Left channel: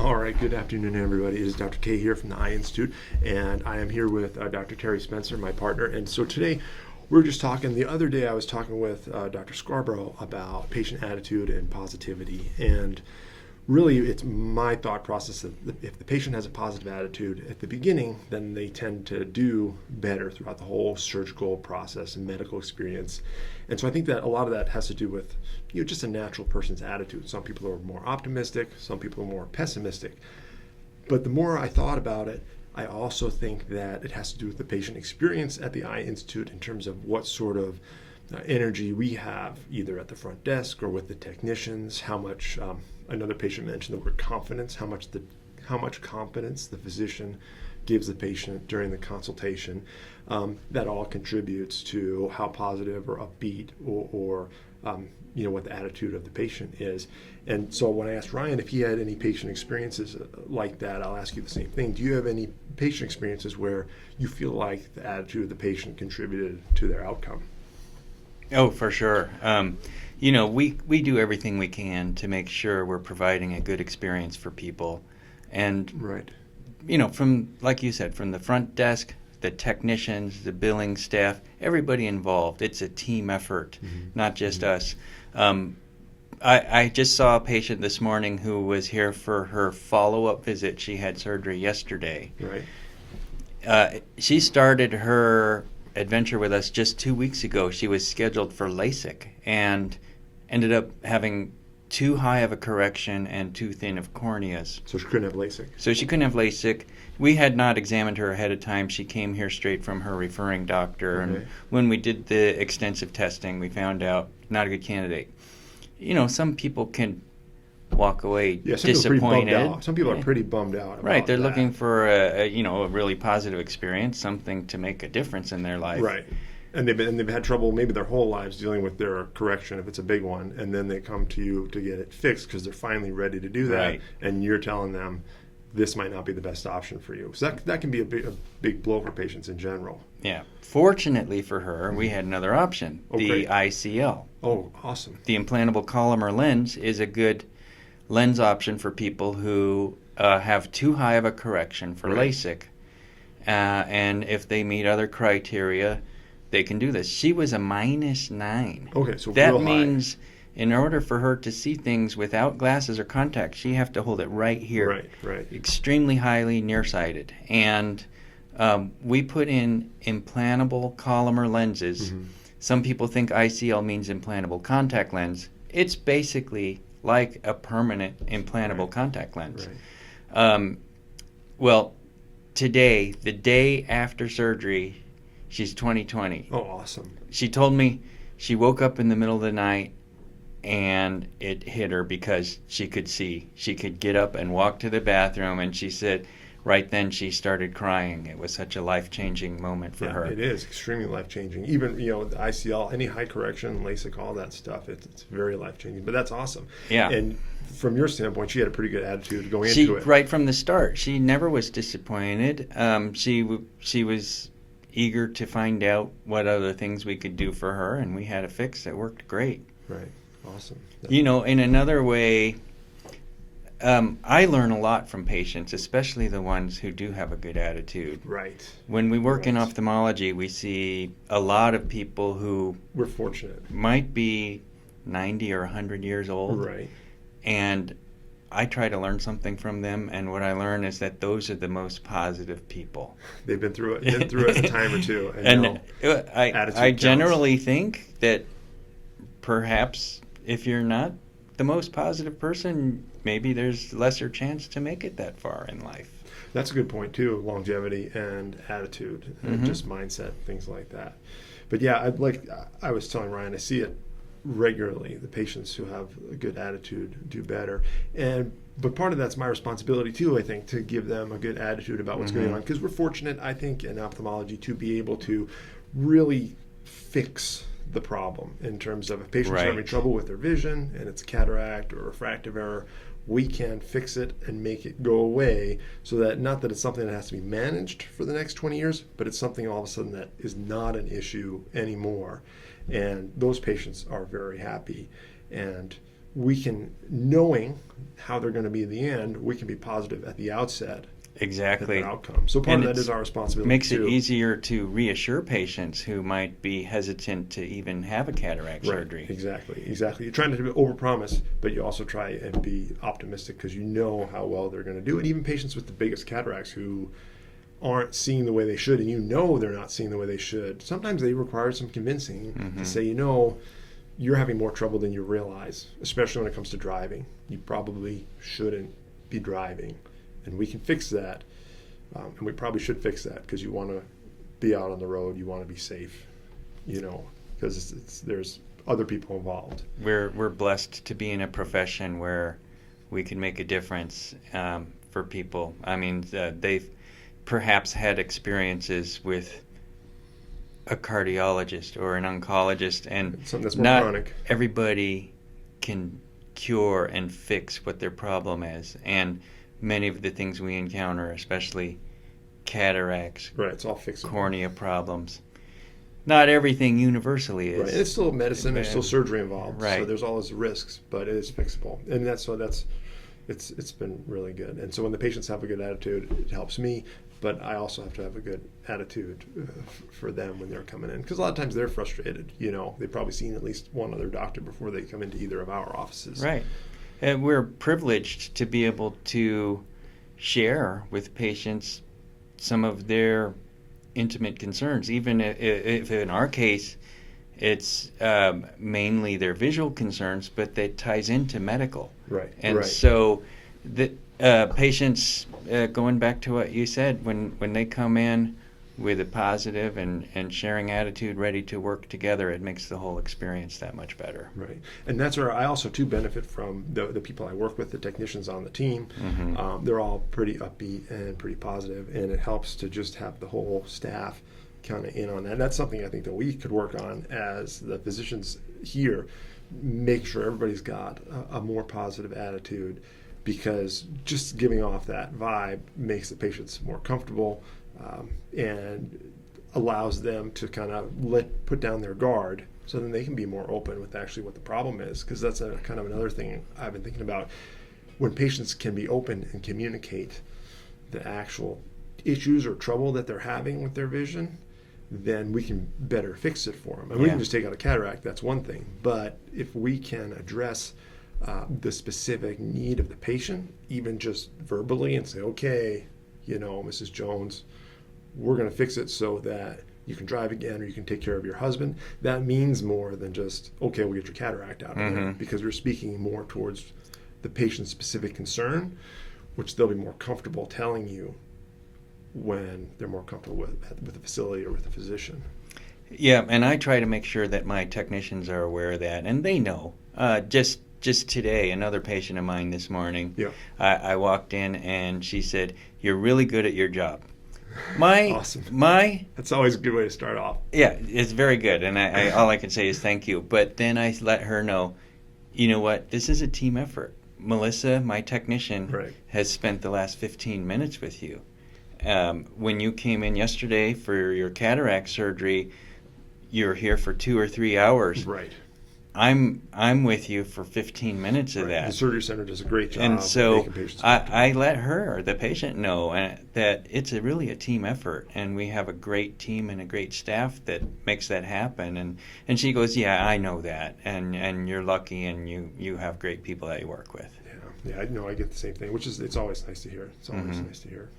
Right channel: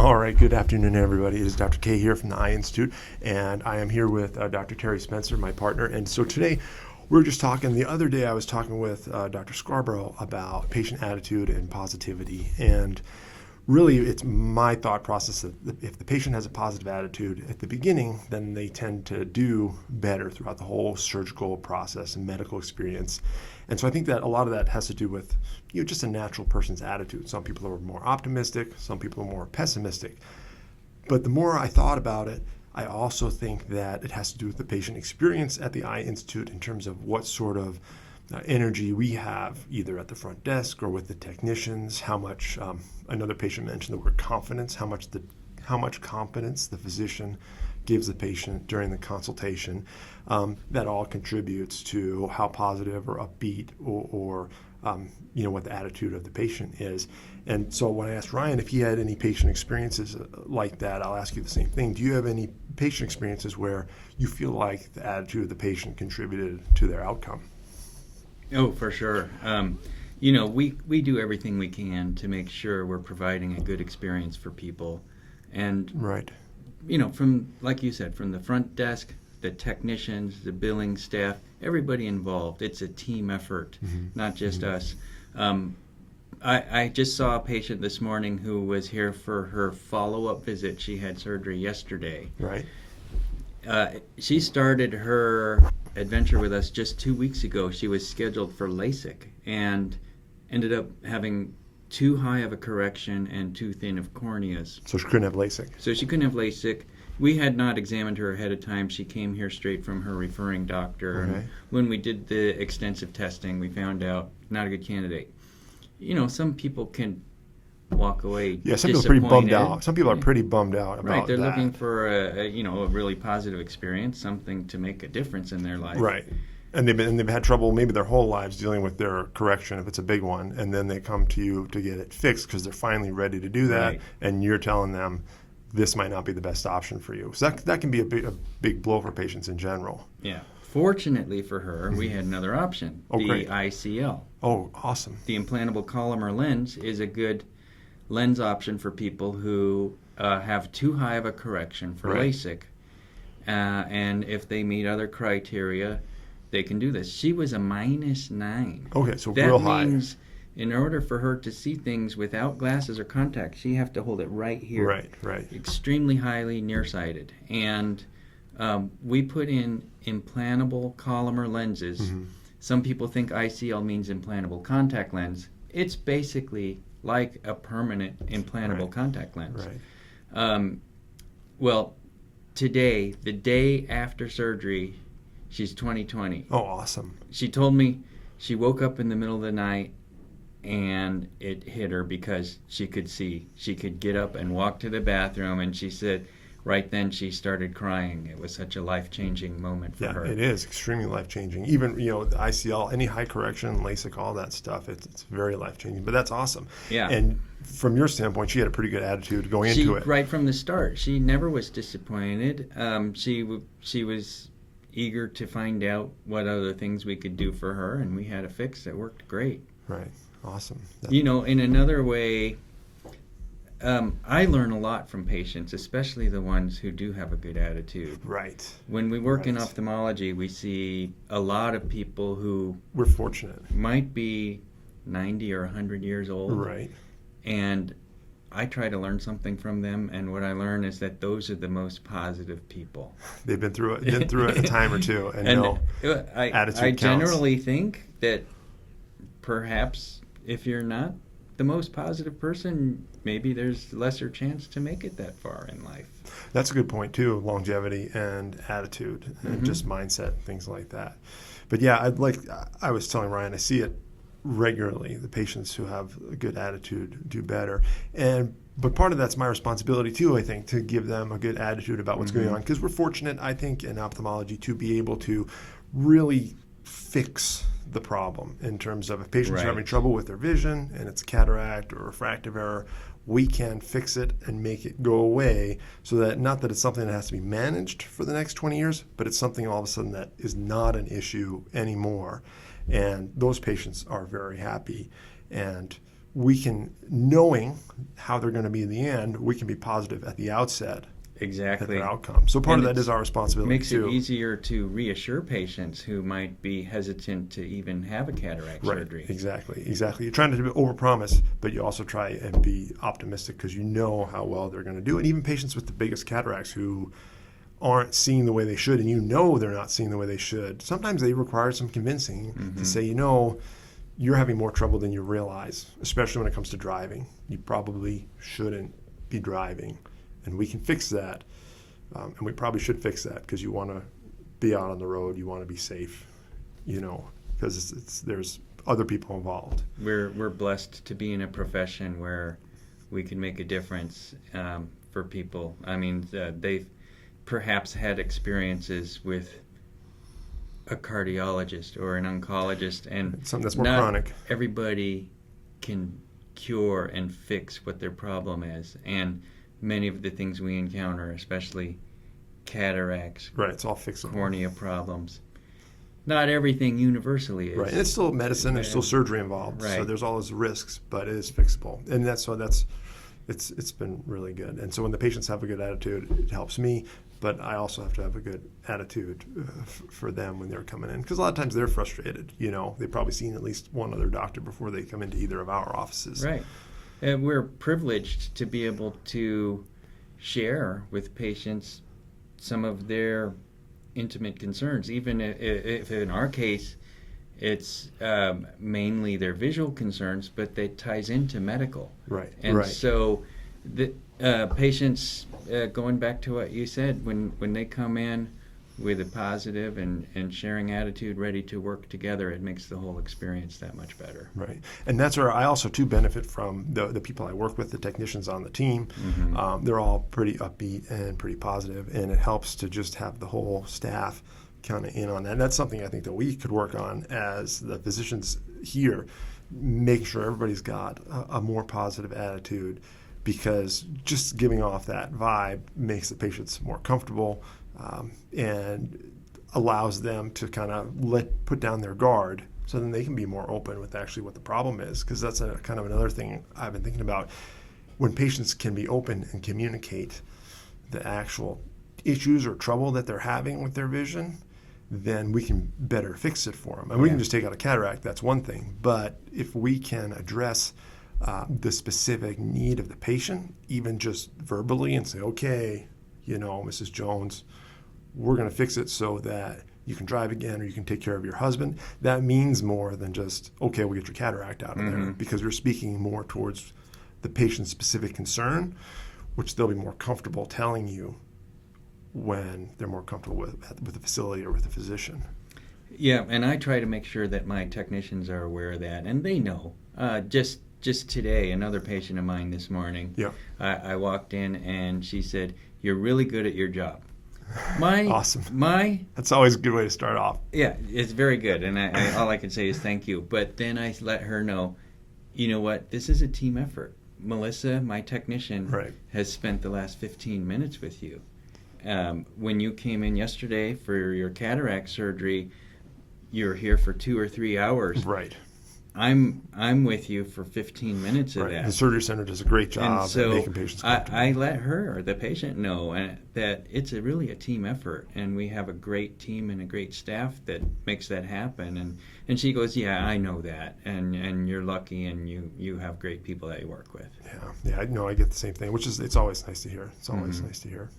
All right, good afternoon, everybody. It is Dr. K here from the Eye Institute, and I am here with Dr. Terry Spencer, my partner. And so today, we're just talking. The other day, I was talking with Dr. Scarborough about patient attitude and positivity. And really, it's my thought process that if the patient has a positive attitude at the beginning, then they tend to do better throughout the whole surgical process and medical experience. And so I think that a lot of that has to do with just a natural person's attitude. Some people are more optimistic, some people are more pessimistic. But the more I thought about it, I also think that it has to do with the patient experience at the Eye Institute in terms of what sort of energy we have either at the front desk or with the technicians, how much, another patient mentioned the word confidence, how much confidence the physician gives the patient during the consultation. That all contributes to how positive or upbeat or what the attitude of the patient is. And so when I asked Ryan if he had any patient experiences like that, I'll ask you the same thing. Do you have any patient experiences where you feel like the attitude of the patient contributed to their outcome? Oh, for sure. We do everything we can to make sure we're providing a good experience for people. And, right. From, like you said, from the front desk, the technicians, the billing staff, everybody involved. It's a team effort, not just us. I just saw a patient this morning who was here for her follow-up visit. She had surgery yesterday. Right. She started her adventure with us just 2 weeks ago. She was scheduled for LASIK and ended up having too high of a correction and too thin of corneas. So she couldn't have LASIK. We had not examined her ahead of time. She came here straight from her referring doctor. Mm-hmm. And when we did the extensive testing, we found out not a good candidate. Some people can walk away disappointed. Some people are pretty bummed out about Right, they're that. looking for a really positive experience, something to make a difference in their life. Right. And they've had trouble maybe their whole lives dealing with their correction if it's a big one, and then they come to you to get it fixed because they're finally ready to do that, Right. and you're telling them this might not be the best option for you. So that can be a big blow for patients in general. Yeah. Fortunately for her, we had another option, the great. ICL. Oh, awesome. The implantable Collamer lens is a good lens option for people who have too high of a correction for Right. LASIK. And if they meet other criteria, they can do this. She was a -9. Okay, so that real high. means in order for her to see things without glasses or contacts, she have to hold it right here. Right. Extremely highly nearsighted. And we put in implantable Collamer lenses. Mm-hmm. Some people think ICL means implantable contact lens. It's basically like a permanent implantable Right. contact lens. Right. Well, today, the day after surgery, she's 20/20. Oh, awesome. She told me she woke up in the middle of the night and it hit her because she could see. She could get up and walk to the bathroom, and she said right then she started crying. It was such a life-changing moment for her. Yeah, it is extremely life-changing. Even, the ICL, any high correction, LASIK, all that stuff, it's very life-changing. But that's awesome. Yeah. And from your standpoint, she had a pretty good attitude going into it. Right from the start, she never was disappointed. She was eager to find out what other things we could do for her, and we had a fix that worked great. Right. Awesome. In another way, I learn a lot from patients, especially the ones who do have a good attitude. Right. When we work in Right. ophthalmology, we see a lot of people who We're fortunate. might be 90 or 100 years old. Right. And I try to learn something from them, and what I learn is that those are the most positive people. They've been through it a time or two, and know I attitude generally think that perhaps if you're not the most positive person, maybe there's lesser chance to make it that far in life. That's a good point too. Longevity and attitude and just mindset, things like that. But yeah, I was telling Ryan, I see it regularly. The patients who have a good attitude do better, but part of that's my responsibility too, I think, to give them a good attitude about what's going on, because we're fortunate, I think, in ophthalmology to be able to really fix the problem in terms of if patients Right. are having trouble with their vision and it's a cataract or refractive error, we can fix it and make it go away, so that not that it's something that has to be managed for the next 20 years, but it's something all of a sudden that is not an issue anymore. And those patients are very happy. And we can, knowing how they're going to be in the end, we can be positive at the outset at Exactly. their outcome. So part And of that it's- is our responsibility Makes too. it easier to reassure patients who might be hesitant to even have a cataract Right, surgery. exactly. You're trying to overpromise, but you also try and be optimistic because you know how well they're going to do it. Even patients with the biggest cataracts who aren't seeing the way they should, and you know they're not seeing the way they should, sometimes they require some convincing to say, you're having more trouble than you realize, especially when it comes to driving. You probably shouldn't be driving, and we can fix that. And we probably should fix that because you want to be out on the road, you want to be safe, because there's other people involved. We're blessed to be in a profession where we can make a difference for people. I mean, they've perhaps had experiences with a cardiologist or an oncologist, and Something that's more not chronic. everybody can cure and fix what their problem is. And many of the things we encounter, especially cataracts, Right, it's all fixable. cornea problems, not everything universally is. Right, and it's still medicine. There's still surgery involved, so Right. there's all those risks, but it is fixable, and it's been really good. And so when the patients have a good attitude, it helps me, but I also have to have a good attitude for them when they're coming in, because a lot of times they're frustrated. They've probably seen at least one other doctor before they come into either of our offices. Right. And we're privileged to be able to share with patients some of their intimate concerns, even if in our case it's mainly their visual concerns, but that ties into medical. Right. And right. so the patients, going back to what you said, when they come in with a positive and sharing attitude, ready to work together, it makes the whole experience that much better. Right, and that's where I also too benefit from the people I work with, the technicians on the team. Mm-hmm. They're all pretty upbeat and pretty positive, and it helps to just have the whole staff kind of in on that. And that's something I think that we could work on as the physicians here, make sure everybody's got a more positive attitude, because just giving off that vibe makes the patients more comfortable. And allows them to kind of put down their guard, so then they can be more open with actually what the problem is. Because that's kind of another thing I've been thinking about. When patients can be open and communicate the actual issues or trouble that they're having with their vision, then we can better fix it for them. And we can just take out a cataract, that's one thing. But if we can address the specific need of the patient, even just verbally, and say, okay, Mrs. Jones, we're going to fix it so that you can drive again or you can take care of your husband. That means more than just, okay, we'll get your cataract out of there, because you're speaking more towards the patient's specific concern, which they'll be more comfortable telling you when they're more comfortable with the facility or with the physician. Yeah, and I try to make sure that my technicians are aware of that, and they know. Just today, another patient of mine this morning, Yeah. I walked in and she said, "You're really good at your job." Awesome. My That's always a good way to start off. Yeah, it's very good, and I all I can say is thank you. But then I let her know, you know what? This is a team effort. Melissa, my technician, Right. has spent the last 15 minutes with you. When you came in yesterday for your cataract surgery, you're here for 2 or 3 hours. Right. I'm with you for 15 minutes of Right. that. The surgery center does a great job And of so making patients I let her, the patient, know that it's really a team effort, and we have a great team and a great staff that makes that happen. And she goes, yeah, I know that, and you're lucky, and you have great people that you work with. Yeah, I know. I get the same thing, which is, it's always nice to hear. It's always nice to hear.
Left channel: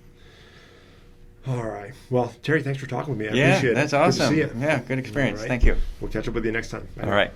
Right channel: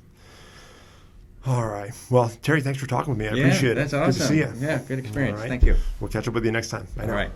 All right. Well, Terry, thanks for talking with me. I appreciate it. That's Good to awesome. see you. Yeah, good experience. All right. Thank you. We'll catch up with you next time. All right.